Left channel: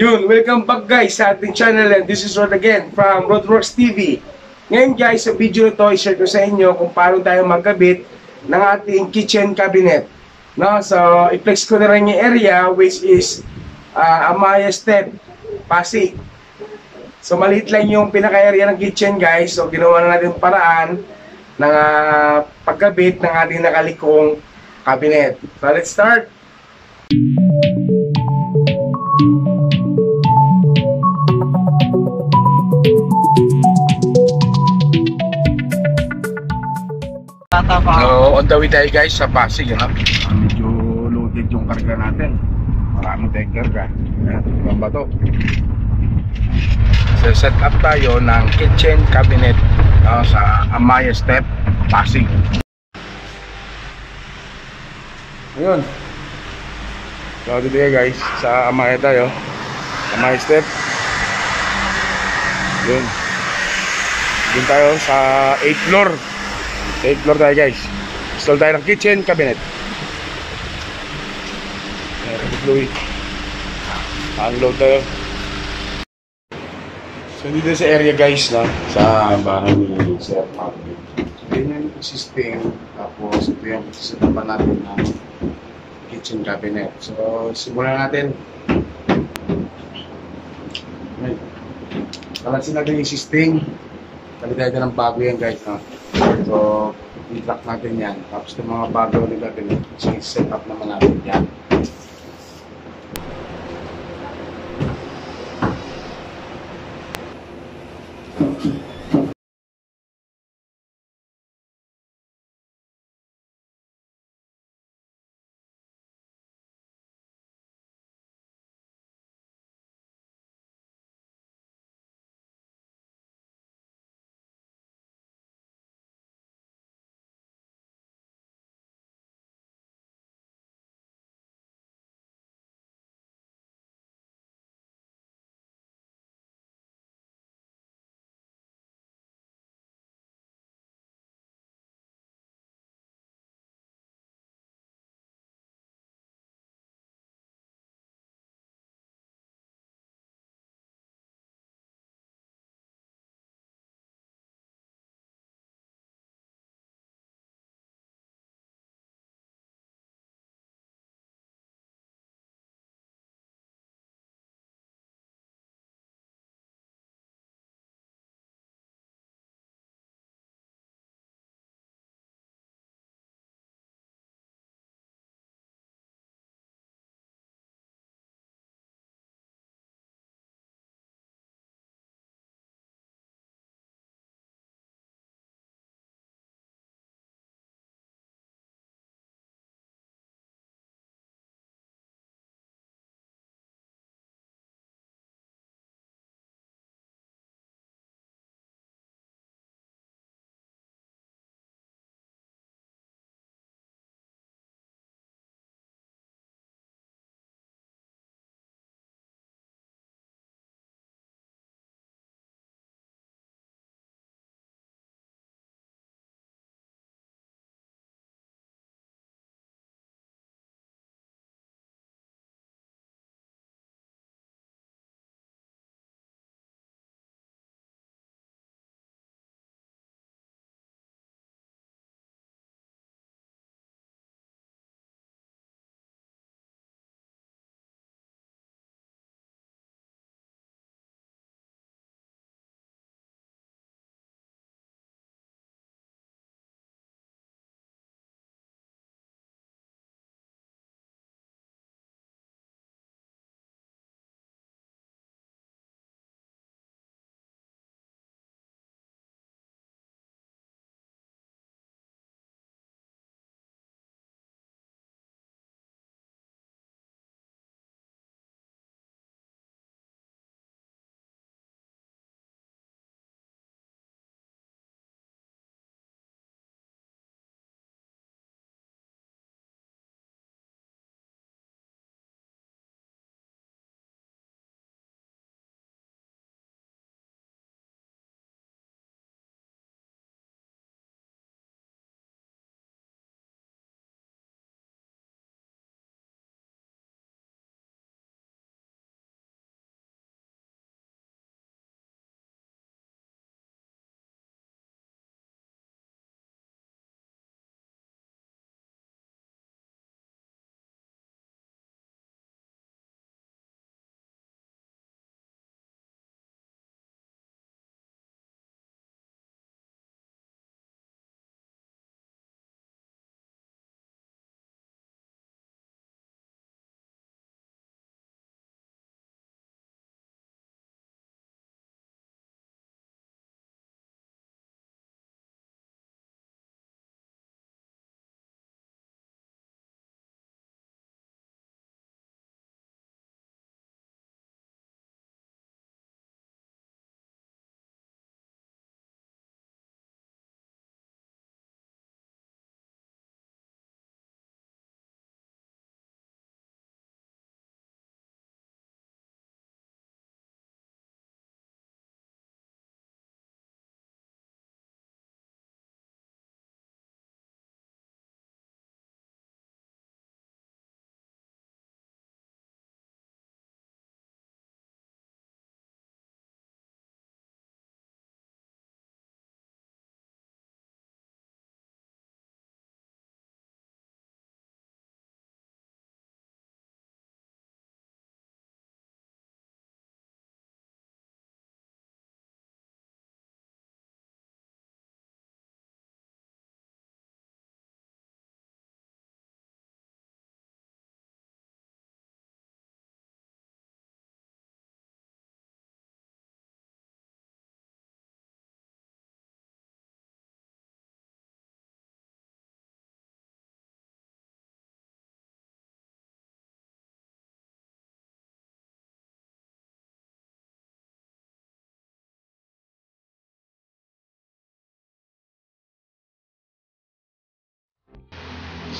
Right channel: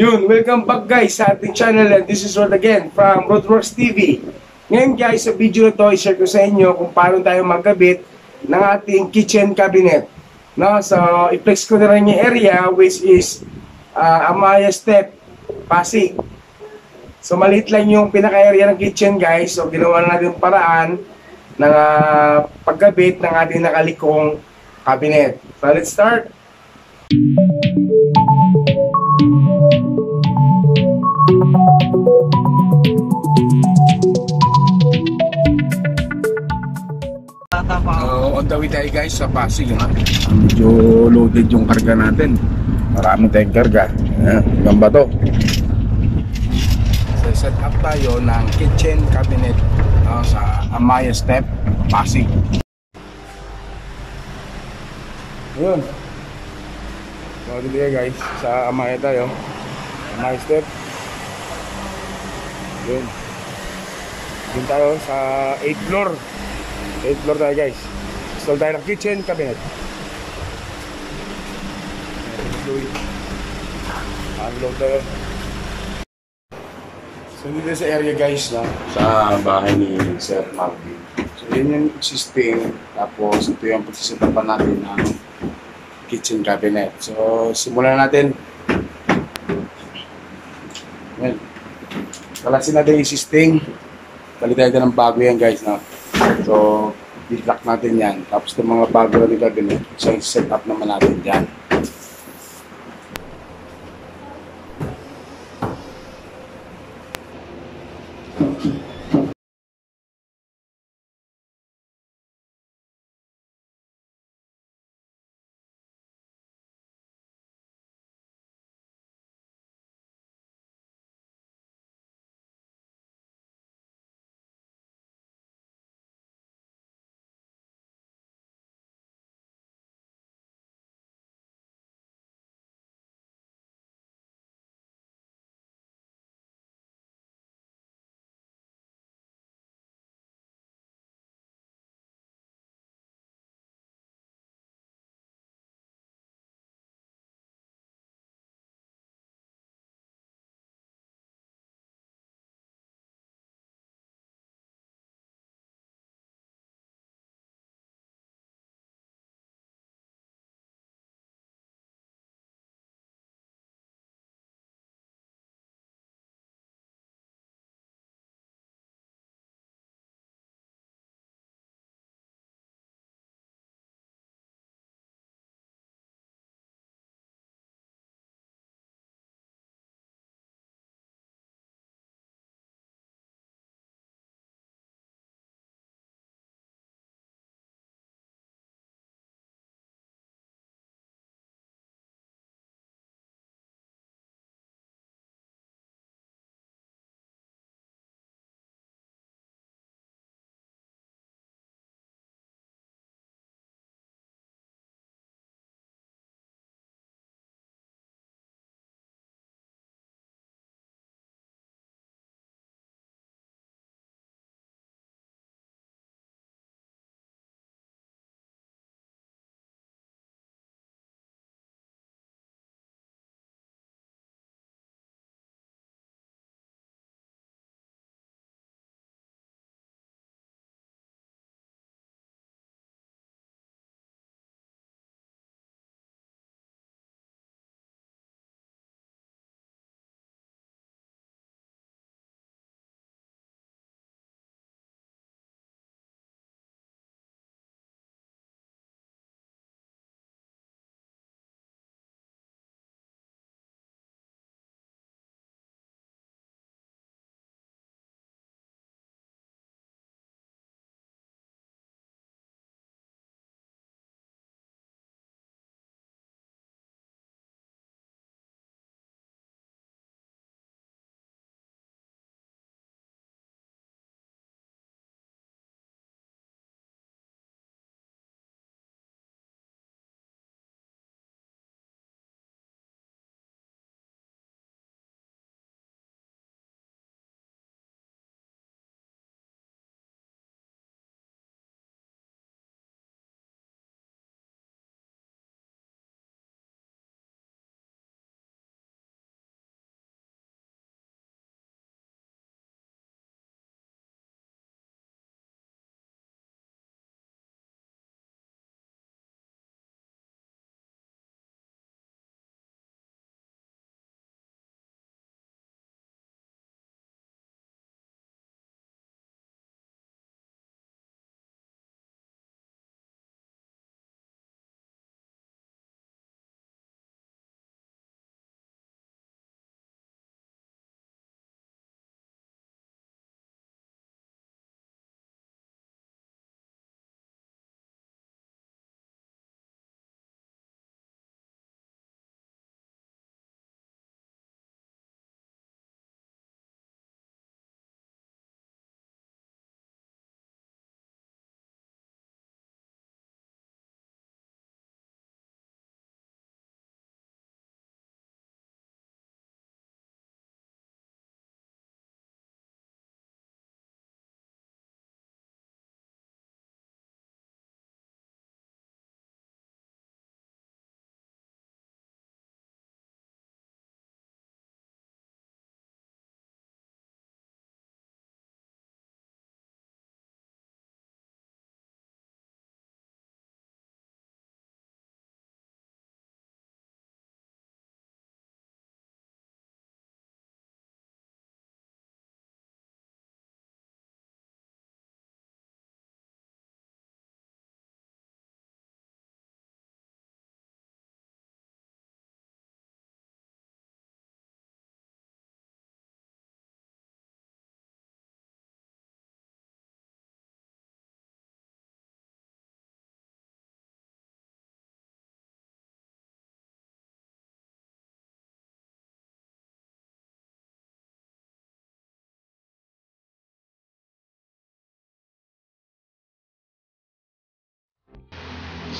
Yun, welcome back guys sa ating channel, and this is Rod again from Rodworks TV. Ngayon guys, sa video na to, i-share ko sa inyo kung paano tayo magkabit ng ating kitchen cabinet. No? So, i-flex ko na rin yung area which is Amaya Step, Pasig. So, maliit lang yung pinaka-area ng kitchen guys. So, ginawa na natin paraan ng pagkabit ng ating nakalikong cabinet. So, let's start! So, on the way tayo guys sa Pasig, medyo loaded yung karga natin. Marami tayong karga. Hanggang ba to? So, set up tayo ng kitchen cabinet sa Amaya Step, Pasig. Ayun. So, dito tayo guys, sa Amaya tayo. Amaya Step. Yun. Yun tayo sa 8th floor. 8th floor tayo guys. Install tayo ng kitchen cabinet. Unload tayo. So dito sa area guys, no, sa bahay ni Sir Marvin. So yun yung existing. Tapos ito yung pagsisitapan natin ng kitchen cabinet. So simulan natin. Yan. Kalasin natin yung existing. Palitan tayo ng bago yan guys, no. So, i-lock natin yan. Tapos yung mga bago na cabinet, set up naman natin yan.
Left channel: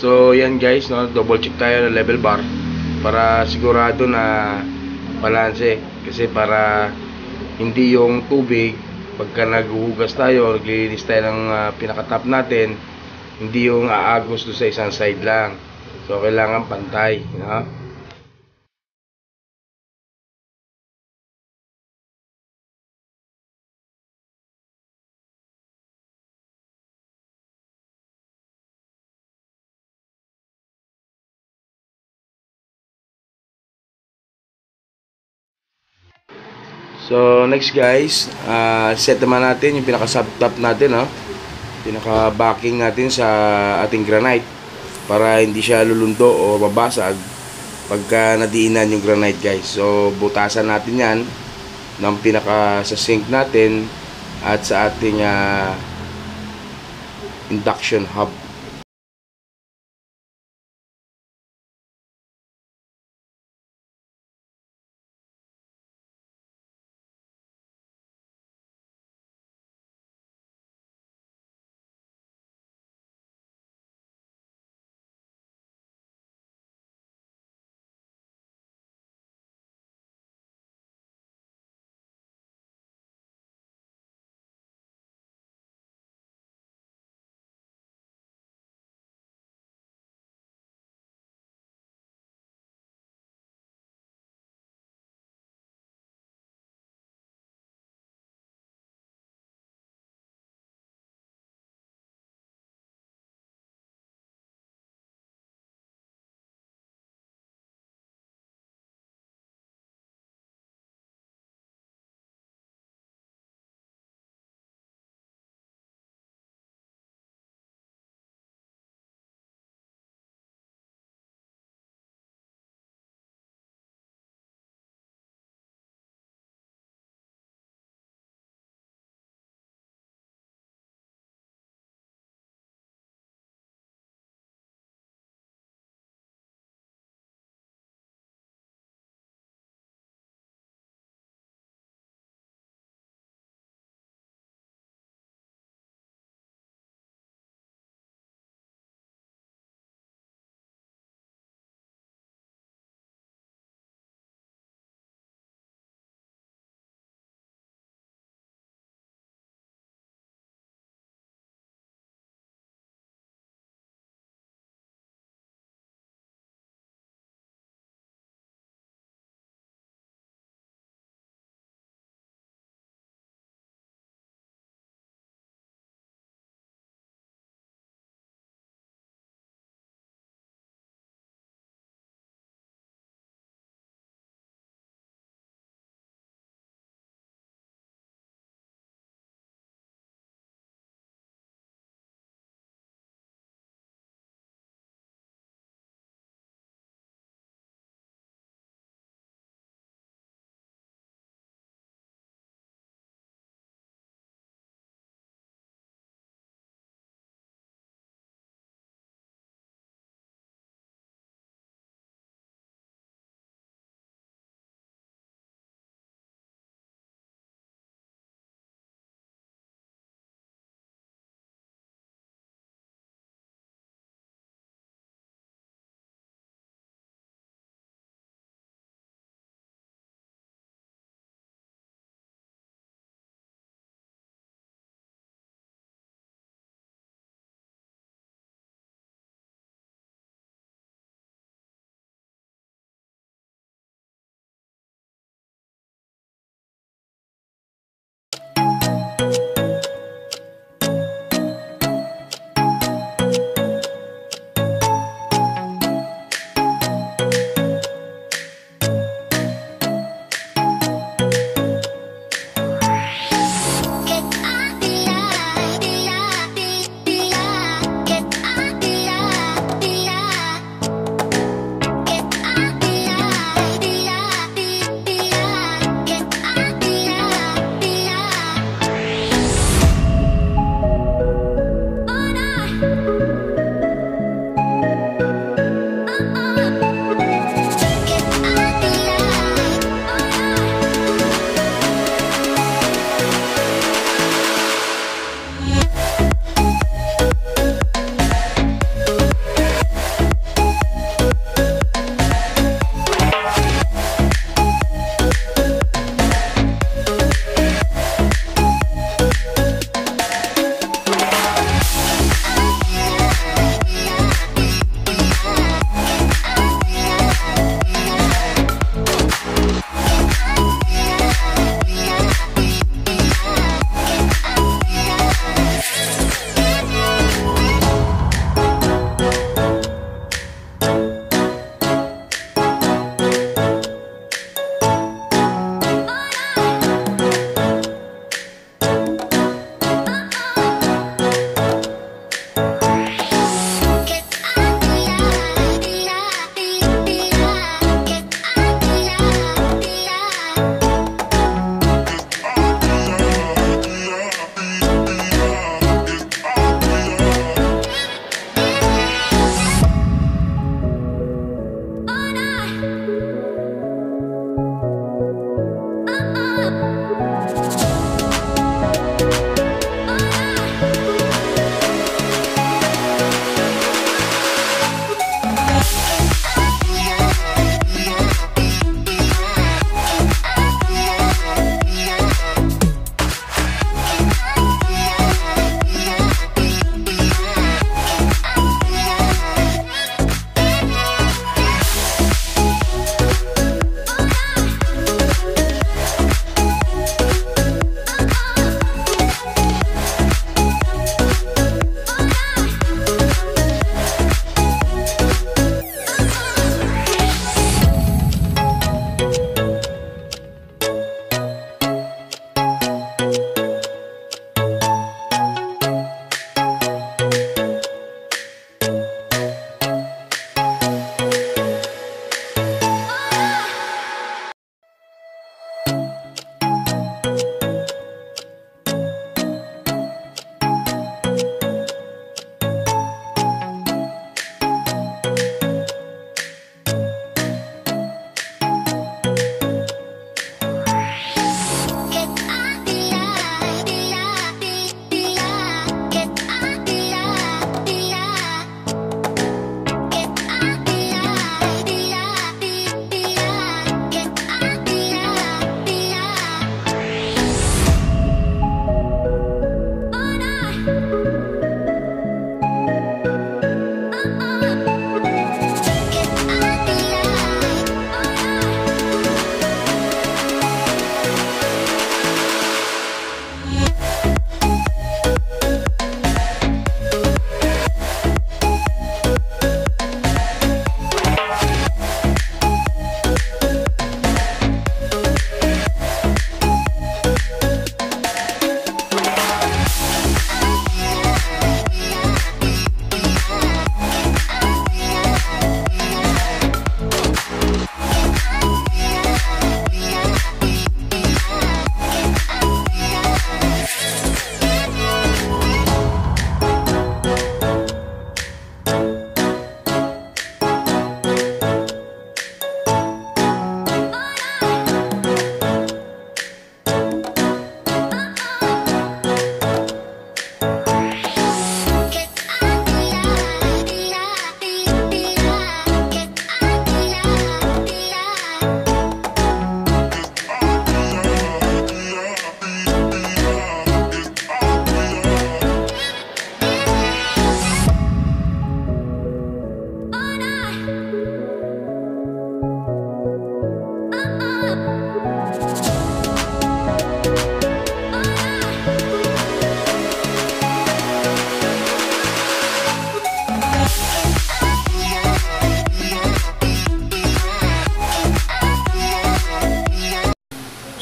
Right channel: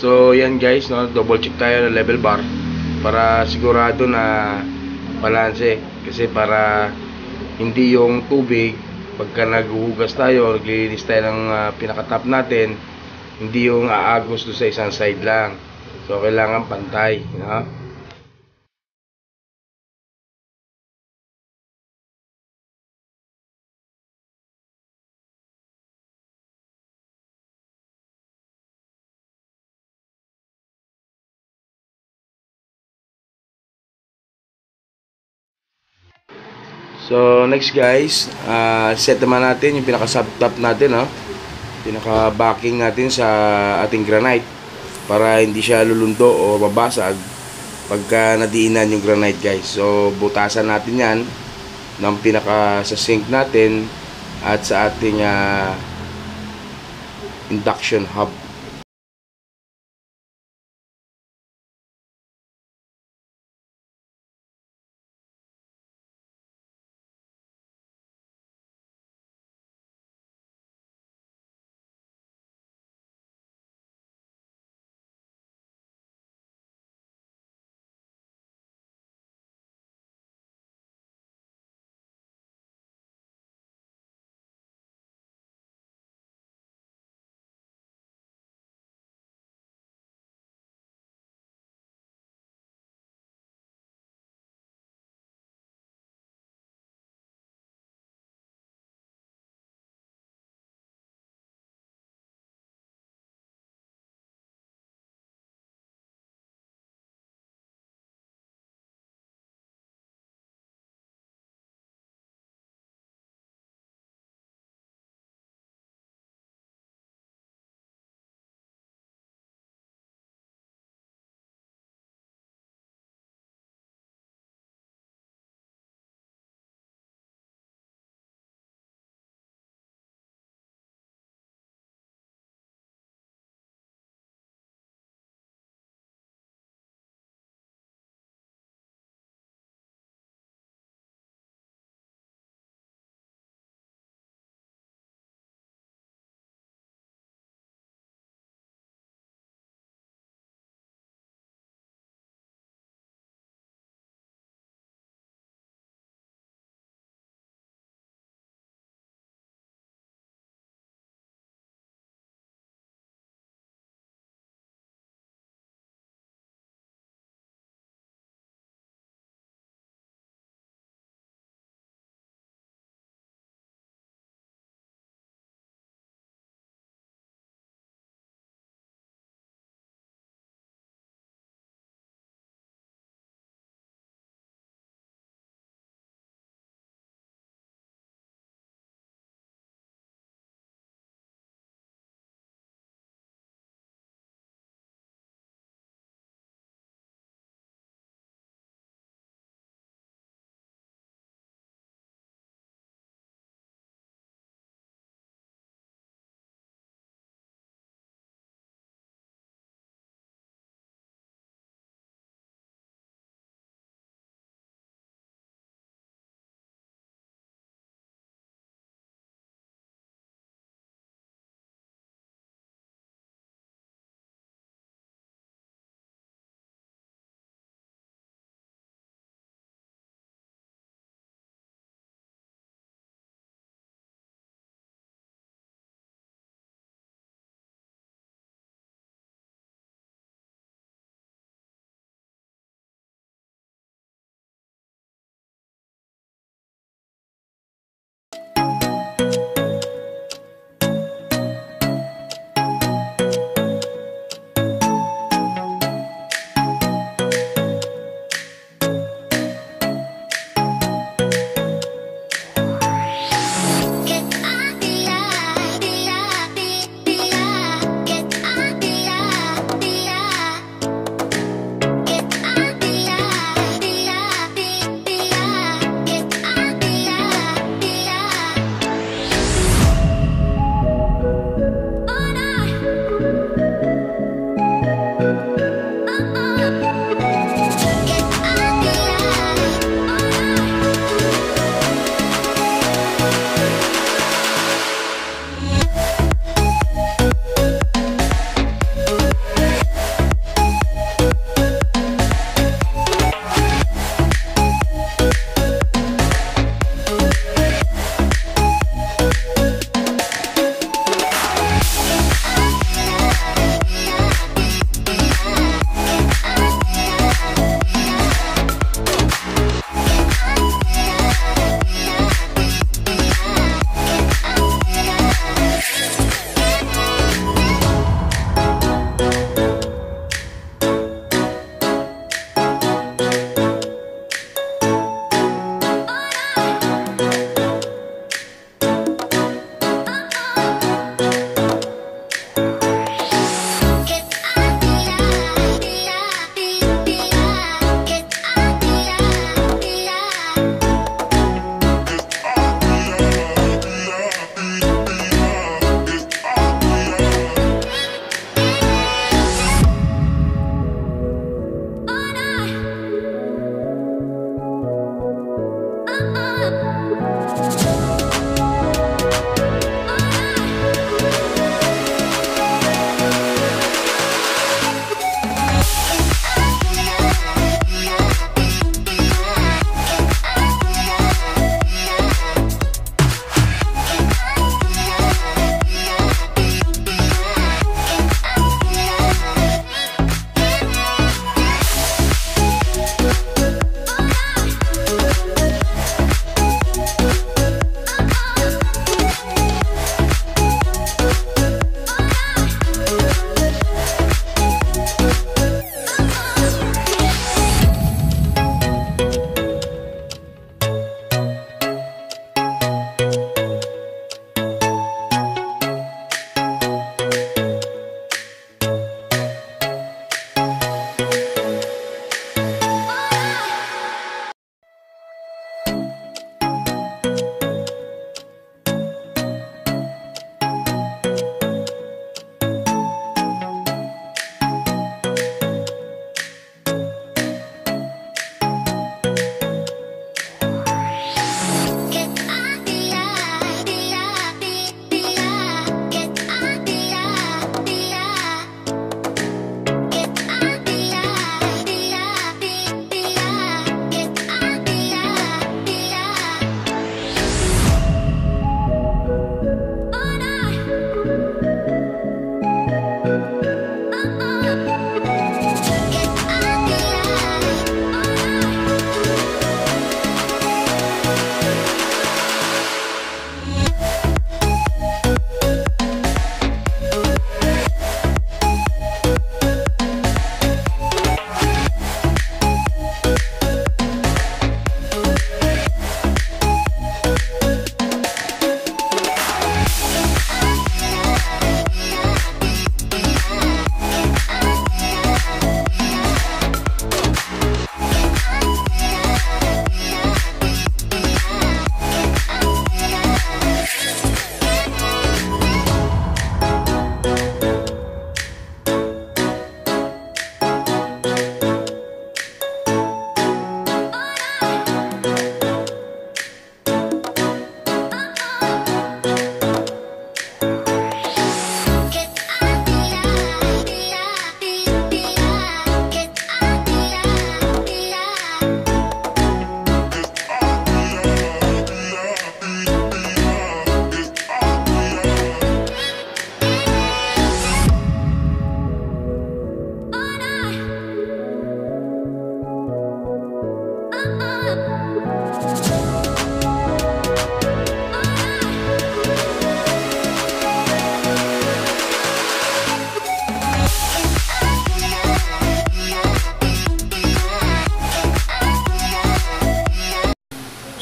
So yan guys, no, double check tayo ng level bar para sigurado na balanse, kasi para hindi yung tubig pagka naghuhugas tayo, naglilinis tayo ng pinaka-top natin, hindi yung aagos do sa isang side lang. So kailangan pantay, no? So next guys, set naman natin yung pinaka sub top natin, no? Pinaka backing natin sa ating granite para hindi siya lulundo o babasag pagka nadiinan yung granite guys. So butasan natin yan ng pinaka sa sink natin at sa ating induction hub.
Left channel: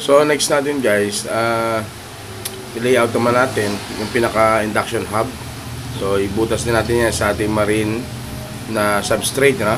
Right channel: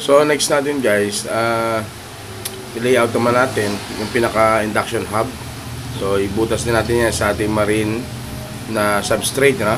So next natin guys, i-layout naman natin yung pinaka induction hub. So ibutas din natin yan sa ating marine na substrate na.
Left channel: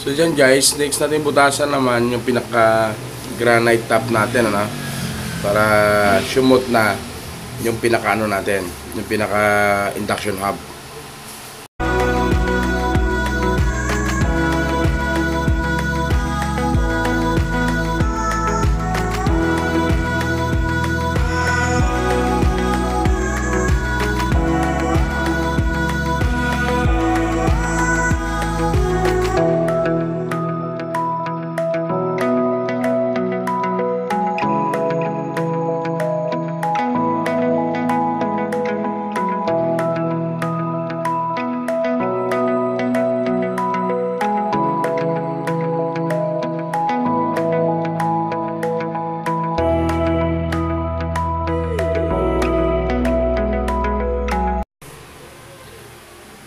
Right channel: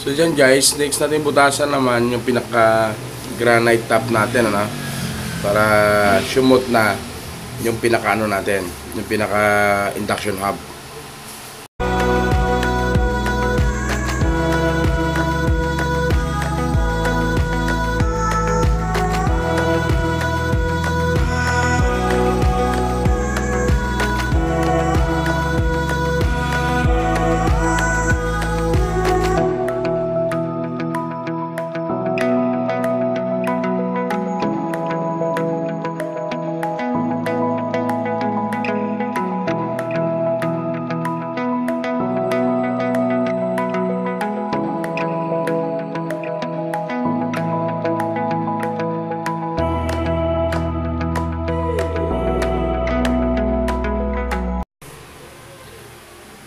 So dyan guys, next natin butasan naman yung pinaka granite top natin, ano, para sumot na yung pinaka ano natin, yung pinaka induction hub.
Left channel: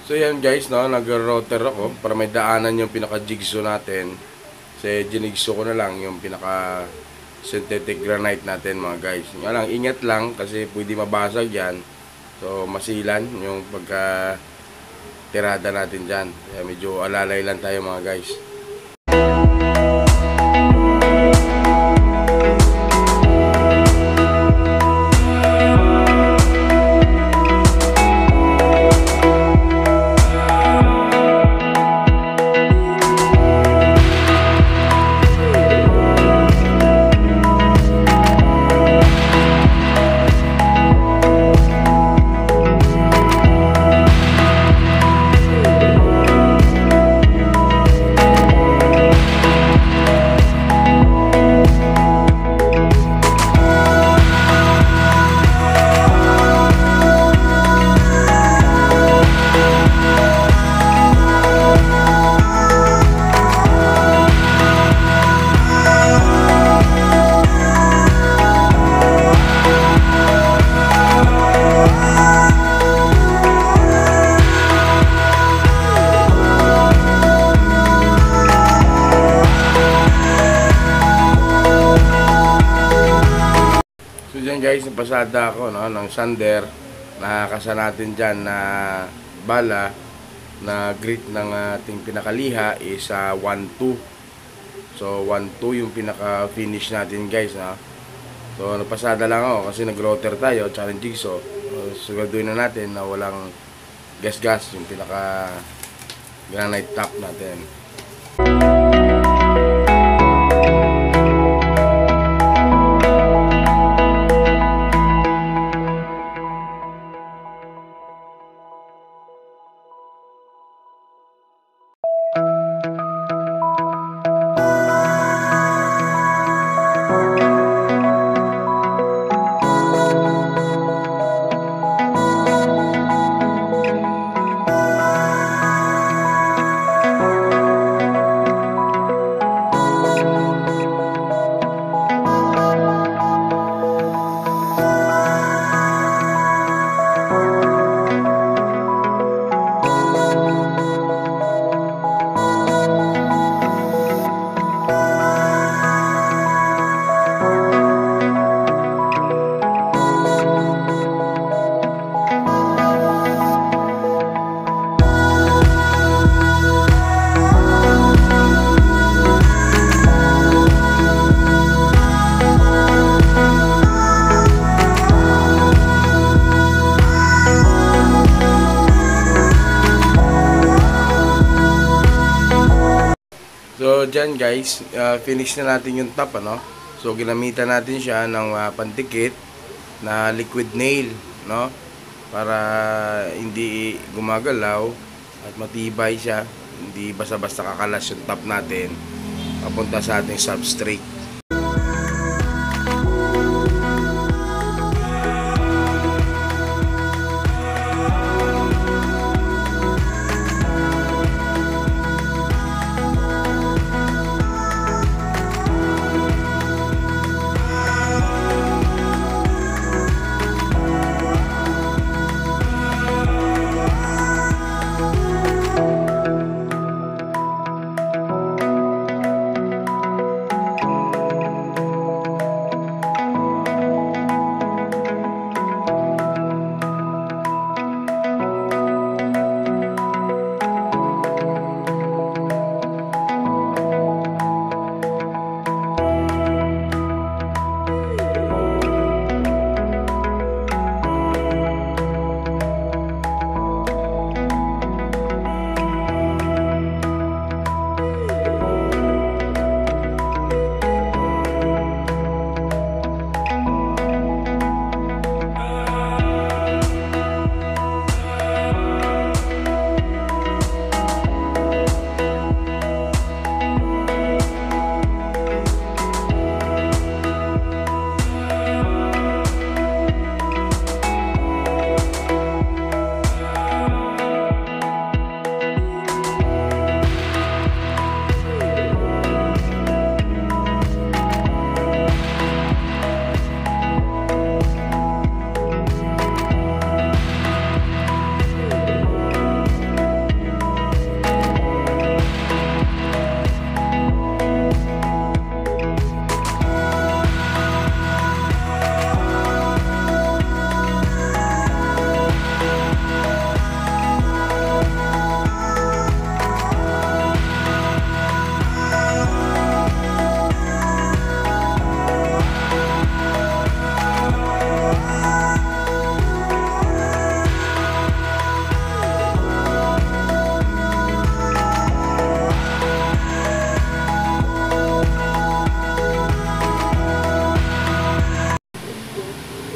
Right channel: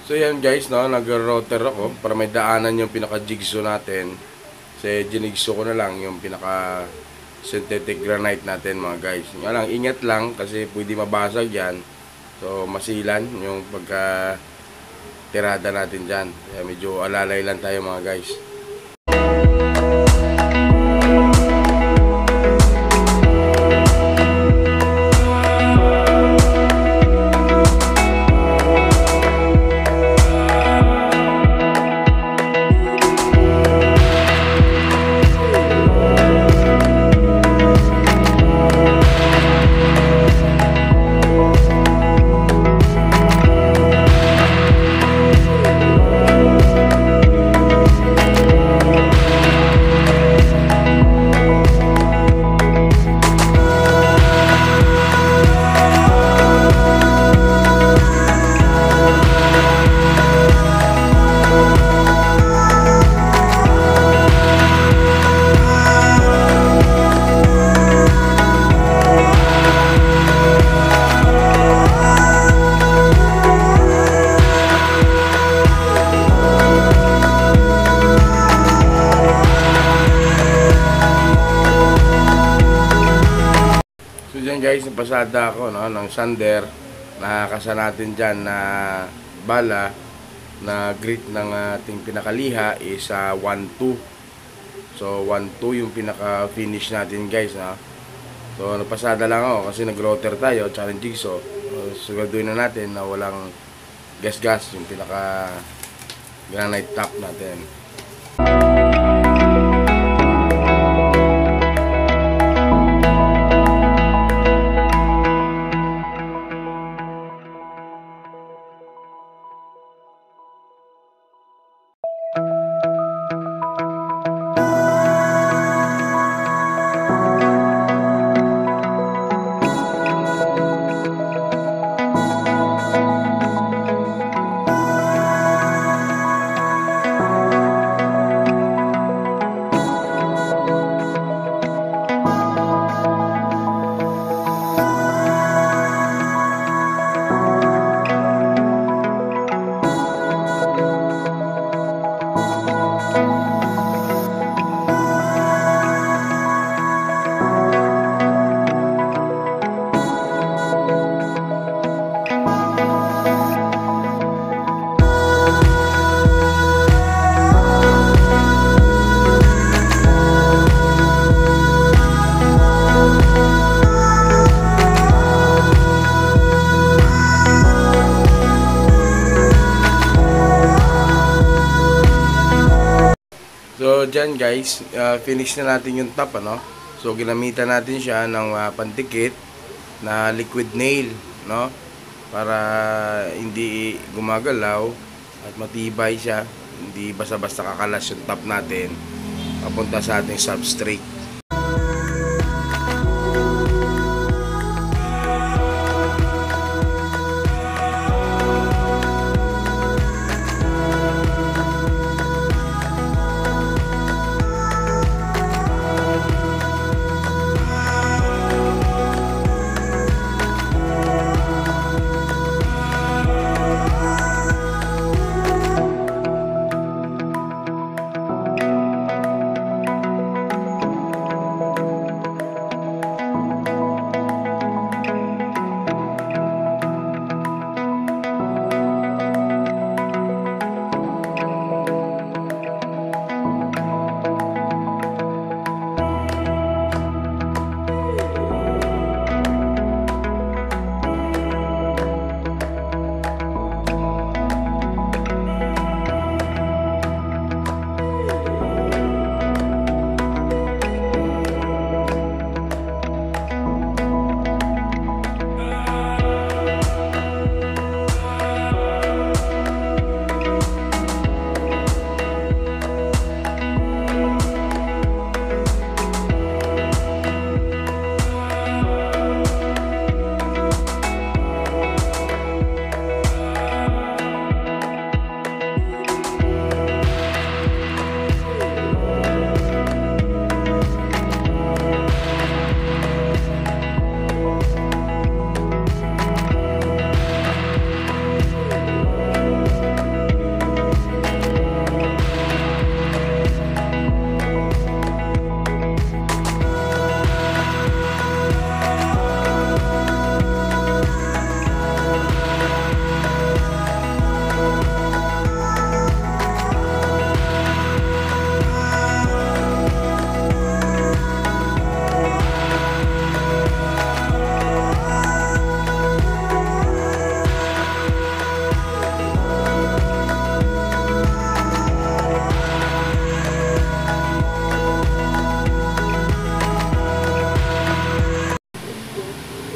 So yan guys, no, nag-router ako para may daanan yung pinaka-jigsaw natin. Kasi ginigsaw ko na lang yung pinaka synthetic granite natin mga guys. Nga lang, ingat lang kasi pwede mabasag yan. So masilan yung pagka tirada natin dyan. Kaya medyo alalay lang tayo mga guys. Guys, napasada ako, no, ng sander. Nakakasa natin dyan na bala na grit ng ating pinakaliha is 1-2. So 1-2 yung pinaka finish natin guys, ha. So napasada lang ako kasi nag-router tayo tsaka ng jigsaw. Siguraduhin na natin na walang gas-gas yung pinaka granite top natin. So dyan guys, finish na natin yung top, ano. So ginamitan natin siya ng pandikit na liquid nail, no, para hindi gumagalaw at matibay siya, hindi basta-basta kakalas yung top natin papunta sa ating substrate.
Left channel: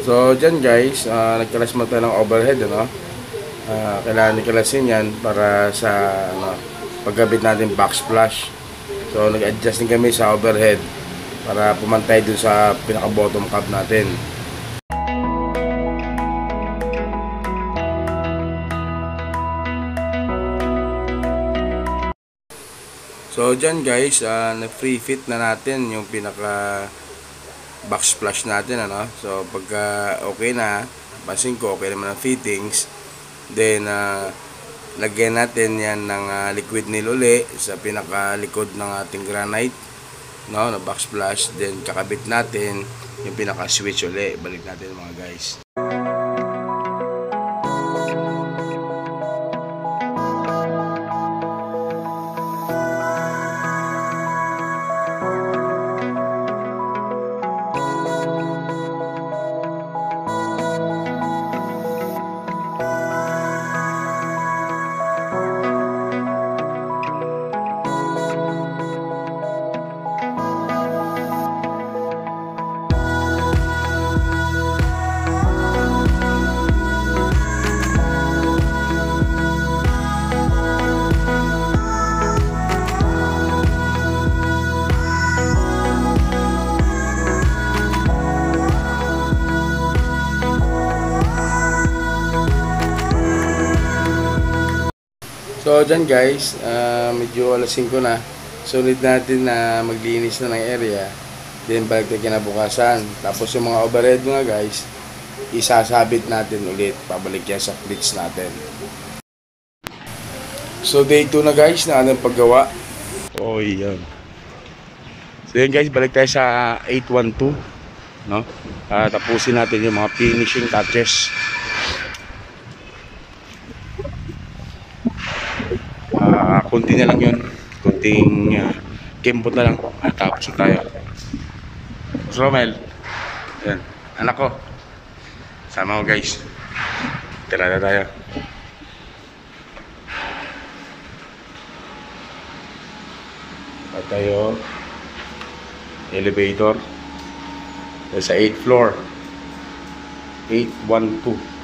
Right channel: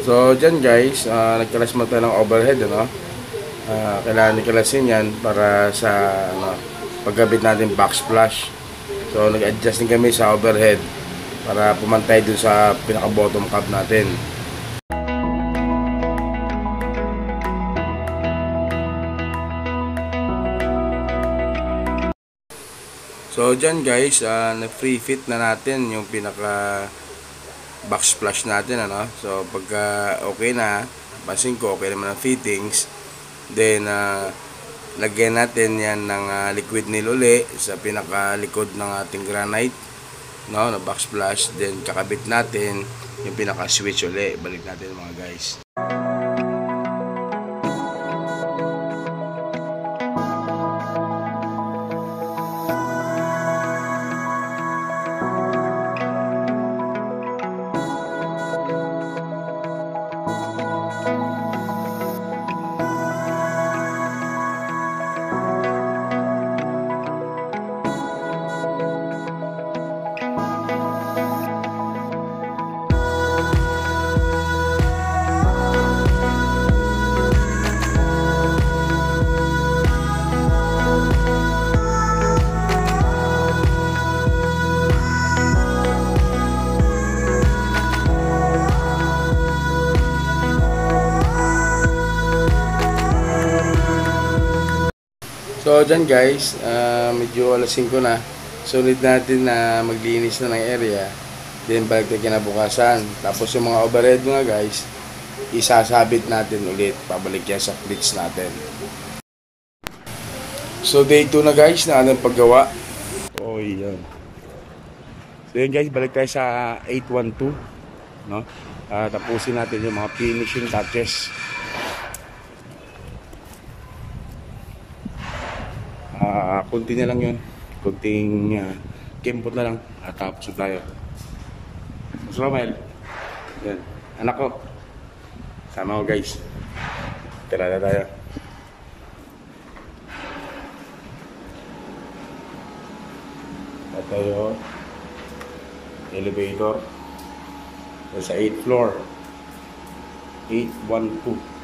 So dyan guys, nagkalas mo tayo ng overhead, ano? Kailangan ikalasin yan para sa pagkabit natin backsplash. So nag-adjust din kami sa overhead para pumantay dun sa pinaka bottom cap natin. So dyan guys, na-free fit na natin yung pinaka backsplash natin, ano. So pagka okay na, pansin ko okay naman ang fittings, then lagyan natin yan ng liquid nail uli sa pinakalikod ng ating granite, no, na backsplash. Then kakabit natin yung pinaka switch uli. Balik natin mga guys. So dyan guys, medyo alas 5 na. So need natin na maglinis na ng area. Then balik tayo kinabukasan. Tapos yung mga overhead nga guys, isasabit natin ulit. Pabalik yan sa clips natin. So day 2 na guys na anong paggawa. Oh yan. So yun guys, balik tayo sa 812, no? Tapusin natin yung mga finishing touches. Kunti na lang yun, kunting kembot na lang at tapos na tayo. So Romel, yan, anak ko, sama ko guys, tira na tayo. tayo elevator sa 8th floor, 812.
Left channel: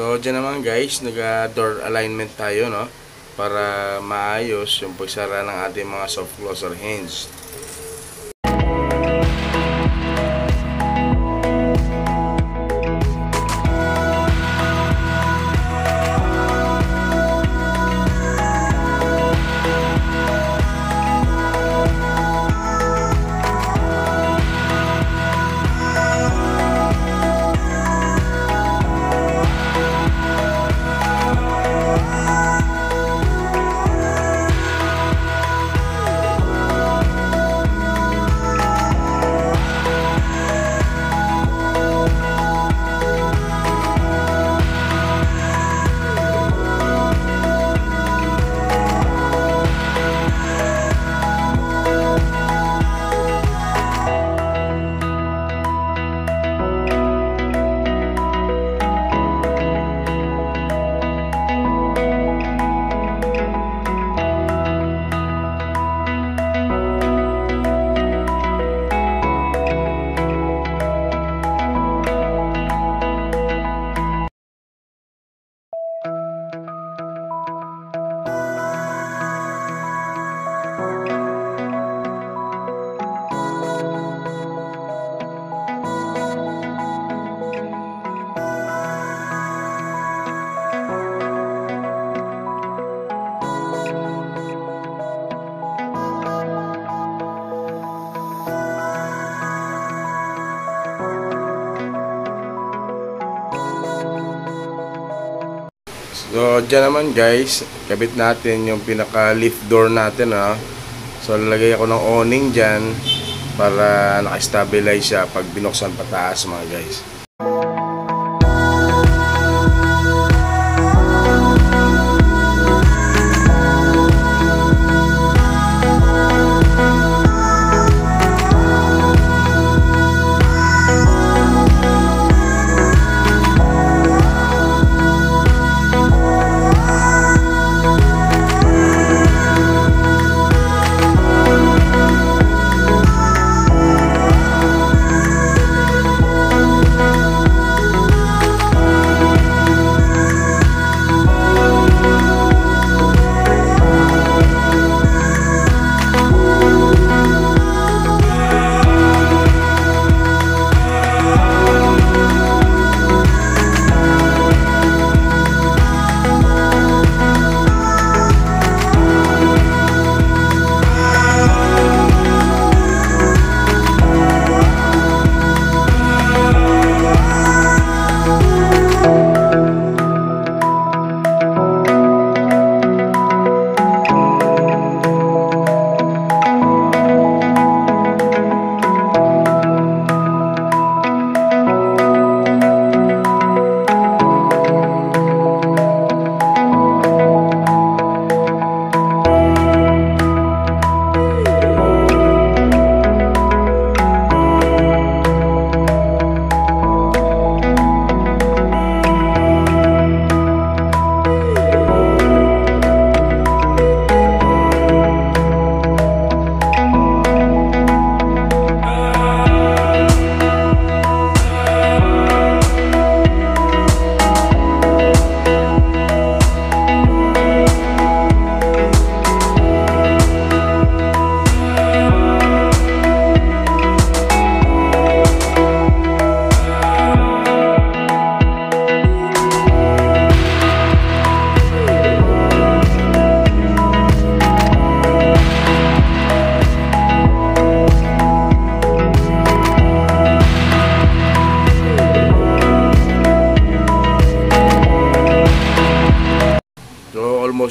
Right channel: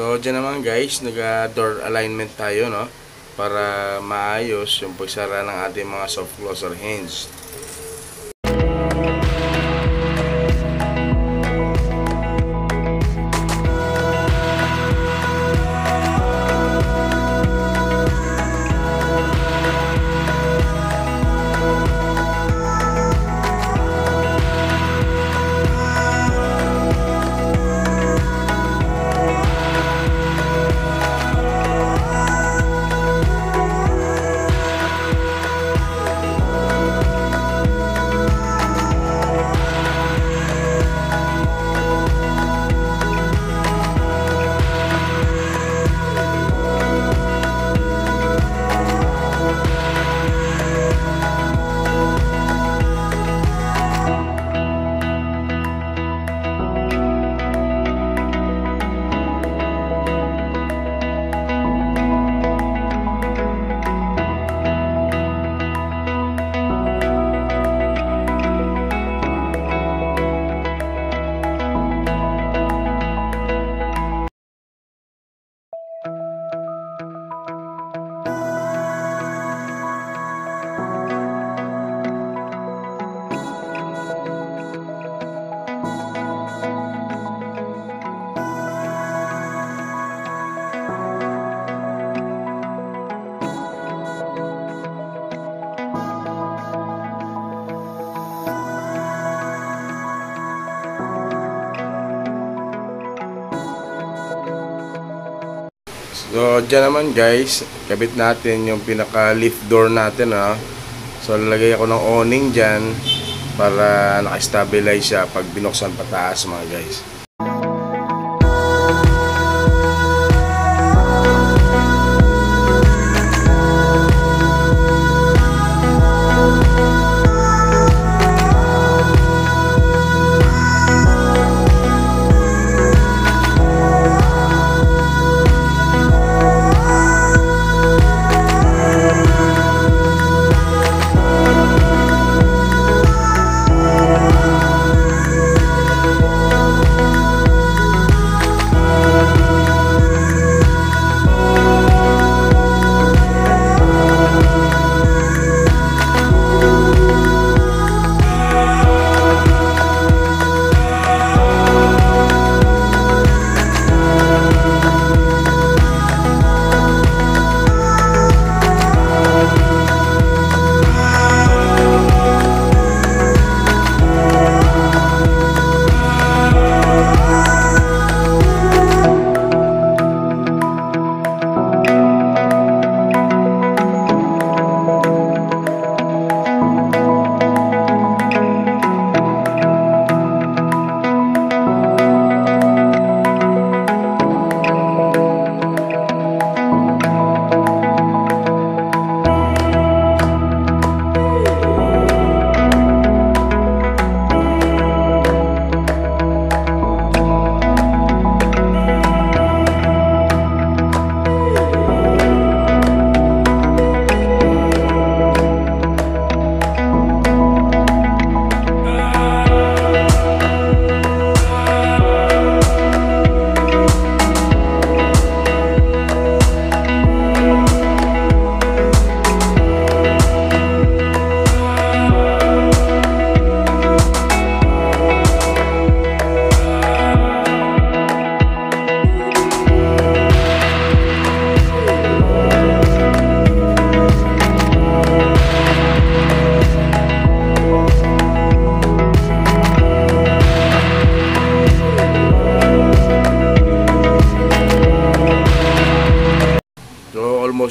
So, dyan naman guys, nag-door alignment tayo, no? Para maayos yung pagsara ng ating mga soft closer hinge. So, dyan naman guys, kabit natin yung pinaka lift door natin, ha. So, lalagay ako ng awning dyan para naka-stabilize siya pag binuksan pataas, mga guys.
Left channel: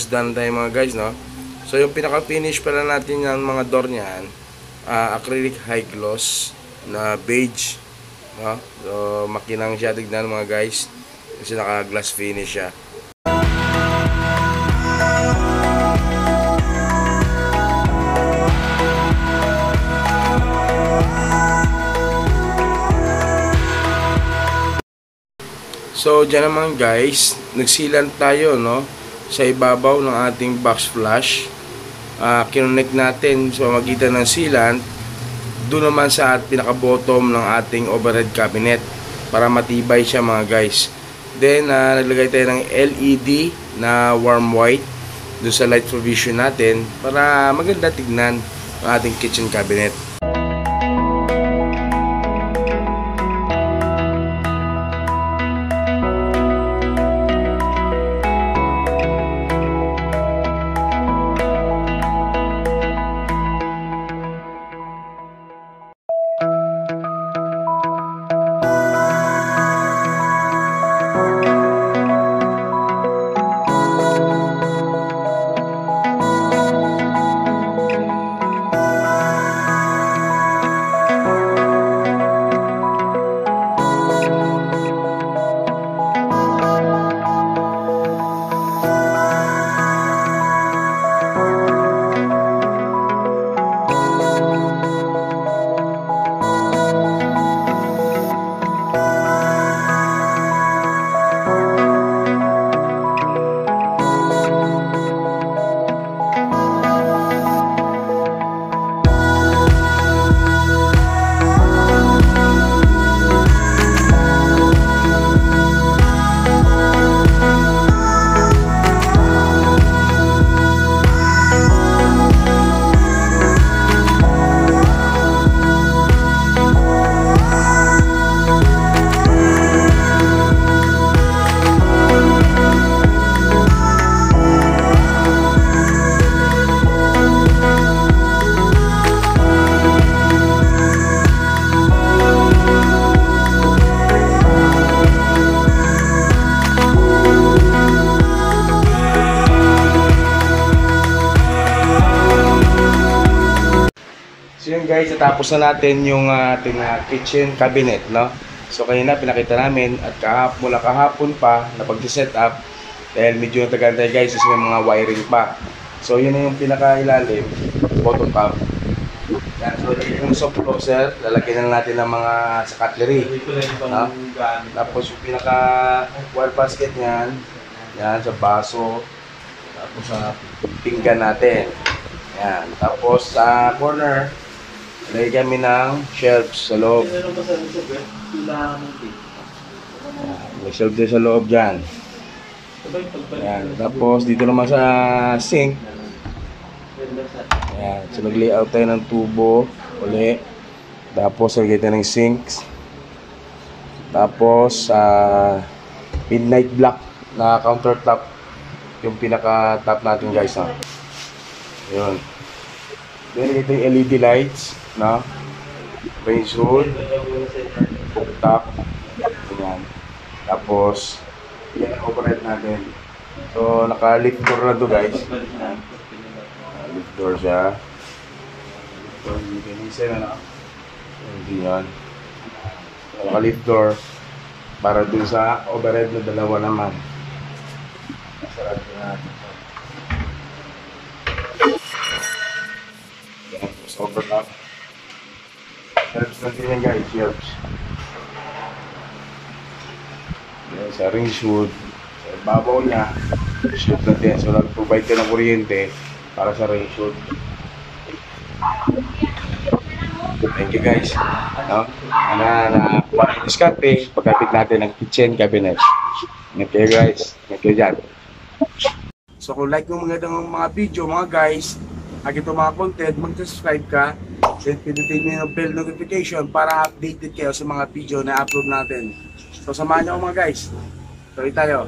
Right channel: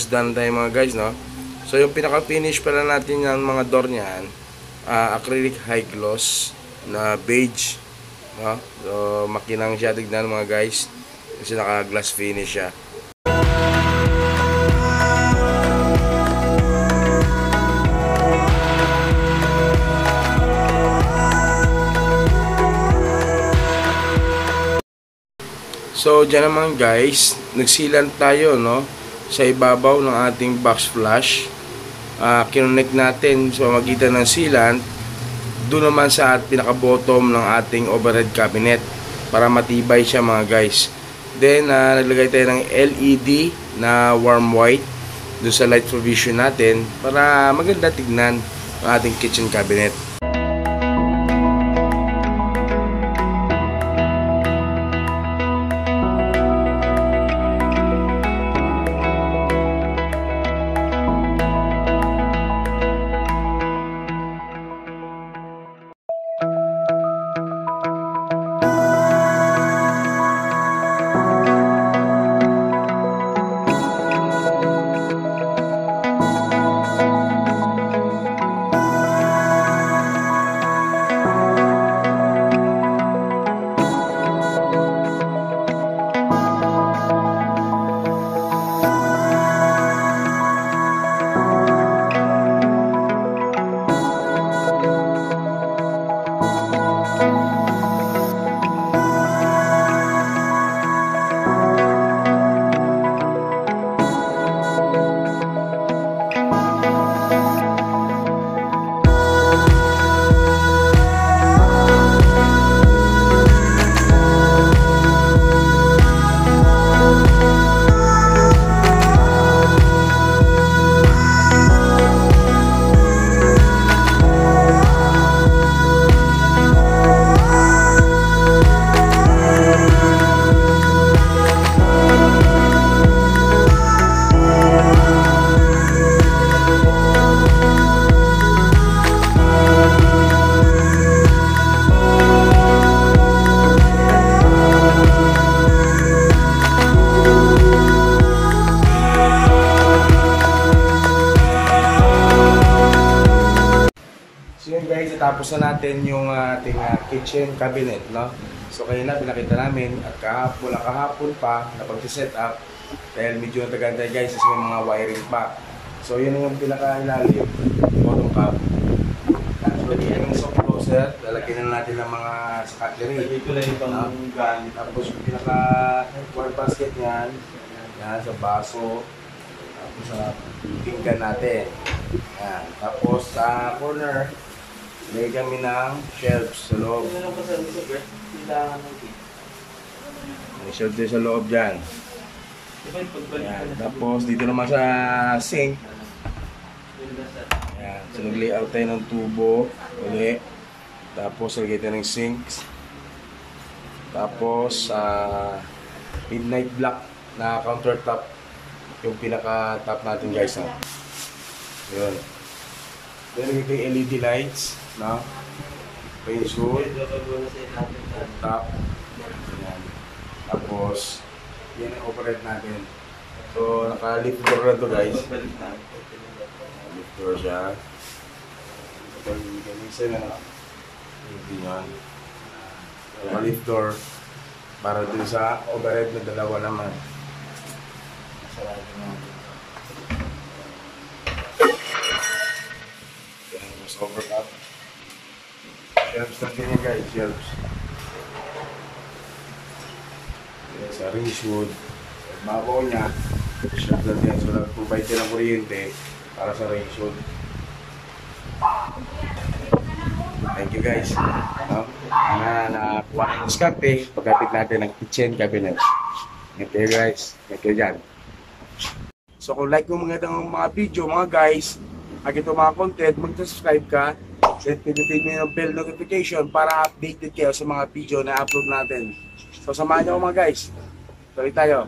almost done tayo mga guys, no? So yung pinaka-finish pala natin yung mga door niyan, acrylic high gloss na beige, no? So makinang siya tignan mga guys kasi naka-glass finish siya. So dyan naman guys, nagsilan tayo, no, sa ibabaw ng ating box flush. Kinonect natin sa magitan ng sealant doon naman sa pinaka-bottom ng ating overhead cabinet para matibay siya mga guys. Then naglagay tayo ng LED na warm white doon sa light provision natin para maganda tignan ang ating kitchen cabinet. So yun guys, natapos na natin yung ating kitchen cabinet, no? So kanina pinakita namin at mula kahapon pa na pag-set up dahil medyo natagal tayo guys kasi may mga wiring pa. So yun na yung pinaka-ilalim, bottom top. Yan, so yung soft closer, lalagyan na natin ng mga sa cutlery. No? Tapos yung pinaka-wall basket niyan, yan sa baso, tapos sa pinggan natin. Yan, tapos sa corner, lagay kami ng shelves sa loob. May shelf din sa loob dyan. Yan. Tapos dito naman sa sink. Yan. So nag-layout tayo ng tubo uli. Tapos lagay tayo ng sinks. Tapos midnight black na countertop yung pinaka-top natin guys. No? Yun. Then lagay tayo yung LED lights. No? Range hood, cooktop, ganyan. Tapos, yan ang overhead natin. So, naka-lift door na to guys. Lift door siya. Hindi kanisa na, no? Hindi yan. Naka-lift door para dun sa overhead na dalawa naman. Sarado natin. Yan, tapos overtop. Shelves natin yan guys, shelves. Yan, sa range wood. Sa babaw niya, shelves natin. So nag-provide ka ng kuryente para sa range wood. Thank you guys. No? Nakakuha na yung diskarte pagkapit natin ng kitchen cabinet. Thank you guys. Thank you dyan. So kung like mo mga video mga guys, ito mga content, mag-subscribe ka. Then pindutin nyo yung bell notification para updated kayo sa mga video na upload natin. So samahan nyo mga guys. Tuloy tayo.